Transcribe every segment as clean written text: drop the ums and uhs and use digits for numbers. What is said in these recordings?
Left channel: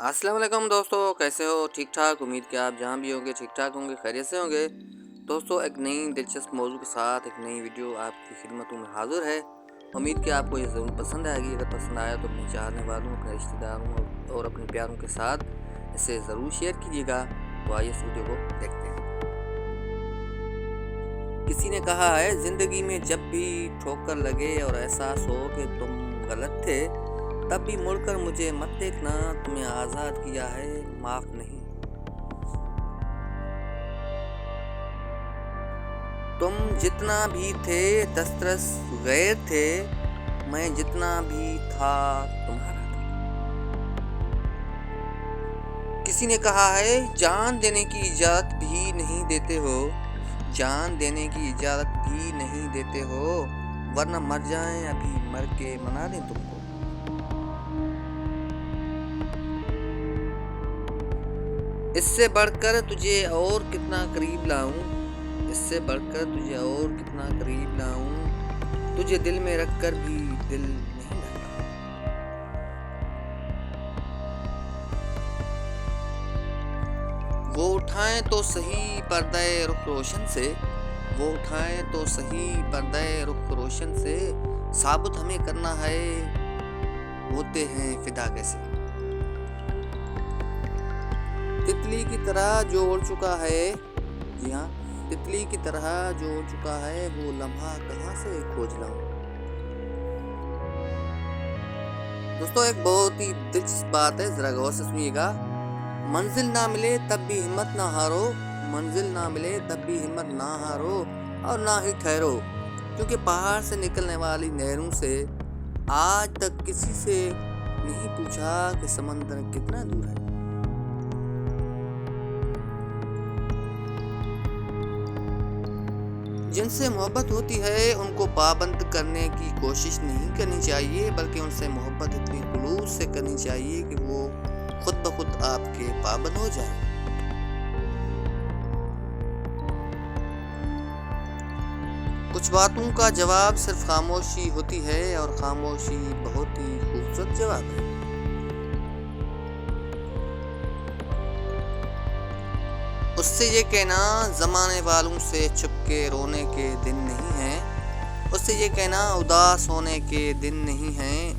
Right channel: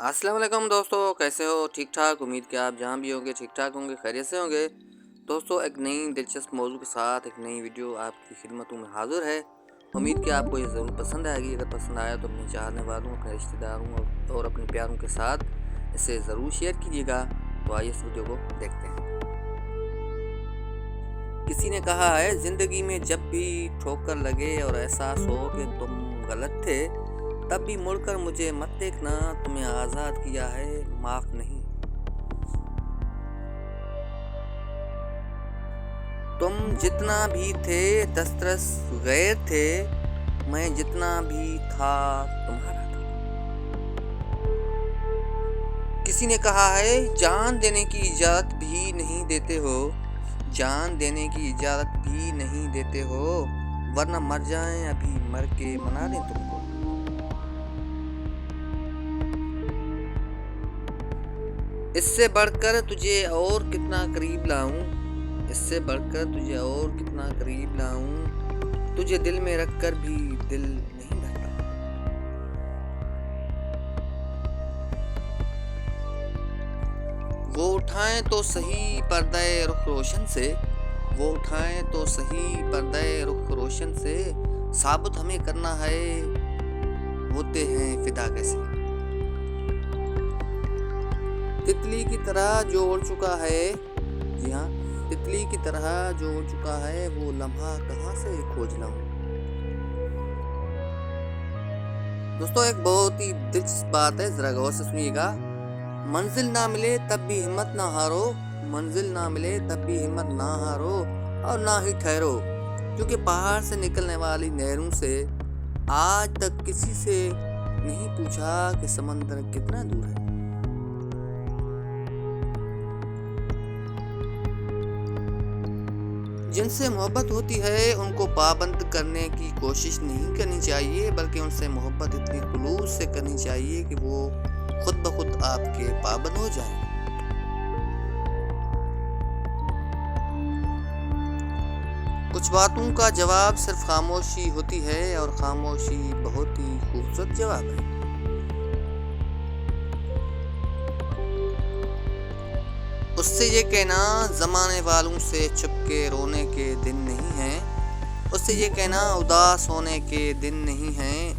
अस्सलाम वालेकुम दोस्तों, कैसे हो? ठीक ठाक। उम्मीद कि आप जहाँ भी होंगे ठीक ठाक होंगे, खैरियत से होंगे। दोस्तों, एक नई दिलचस्प मौजू के साथ एक नई वीडियो आपकी खिदमतों में हाज़िर है। उम्मीद कि आपको ये ज़रूर पसंद आएगी। अगर पसंद आया तो अपने चाहने वालों, अपने रिश्तेदारों और अपने प्यारों के साथ इसे ज़रूर शेयर कीजिएगा। तो आइए इस वीडियो को देखते हैं। किसी ने कहा है, ज़िंदगी में जब भी ठोकर लगे और एहसास हो कि तुम गलत थे, तब भी मुड़कर मुझे मत देखना, तुम्हें आज़ाद किया है, माफ़ नहीं। तुम जितना भी थे दस्तरस गैर थे, मैं जितना भी था तुम्हारा था। किसी ने कहा है, जान देने की इजाज़त भी नहीं देते हो, जान देने की इजाज़त भी नहीं देते हो, वरना मर जाएं अभी मर के मना दें तुमको। इससे बढ़कर तुझे और कितना करीब लाऊं, इससे बढ़कर तुझे और कितना करीब लाऊं, तुझे दिल में रखकर भी दिल नहीं भरता। वो उठाएं तो सही पर्दे रुख रोशन से, वो उठाएं तो सही पर्दे रुख रोशन से, साबित हमें करना है होते हैं फिदा कैसे। तितली की तरह जो उड़ चुका है, जी हाँ, तितली की तरह जो उड़ चुका है, वो लम्हा कहाँ से खोज लाऊं। दोस्तों, एक बहुत ही दिलचस्प बात है, जरा गौर से सुनिएगा। मंजिल ना मिले तब भी हिम्मत ना हारो, मंजिल ना मिले तब भी हिम्मत ना हारो और ना ही ठहरो, क्योंकि पहाड़ से निकलने वाली नहरों से आज तक किसी से नहीं पूछा कि समंदर कितना दूर है। जिनसे मोहब्बत होती है उनको पाबंद करने की कोशिश नहीं करनी चाहिए, बल्कि उनसे मोहब्बत इतनी खुलूस से करनी चाहिए कि वो खुद ब खुद आपके पाबंद हो जाएं। कुछ बातों का जवाब सिर्फ खामोशी होती है, और खामोशी बहुत ही खूबसूरत जवाब है। उससे ये कहना जमाने वालों से चुपके रोने के दिन नहीं है, उससे ये कहना उदास होने के दिन नहीं है।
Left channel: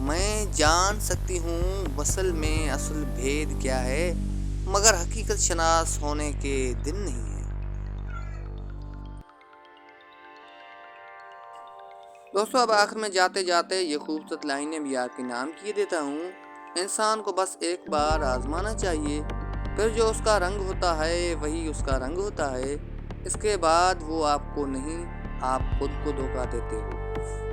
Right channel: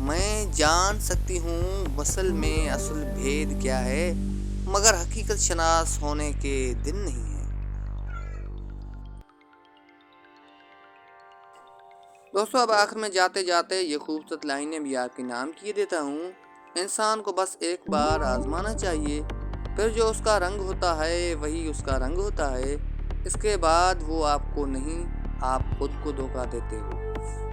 मैं जान सकती हूँ वसल में असल भेद क्या है, मगर हकीकत शनास होने के दिन नहीं है। दोस्तों, अब आखिर में जाते जाते ये खूबसूरत लाइनें भी आपके नाम किए देता हूँ। इंसान को बस एक बार आजमाना चाहिए, फिर जो उसका रंग होता है वही उसका रंग होता है। इसके बाद वो आपको नहीं, आप खुद को धोखा देते हो।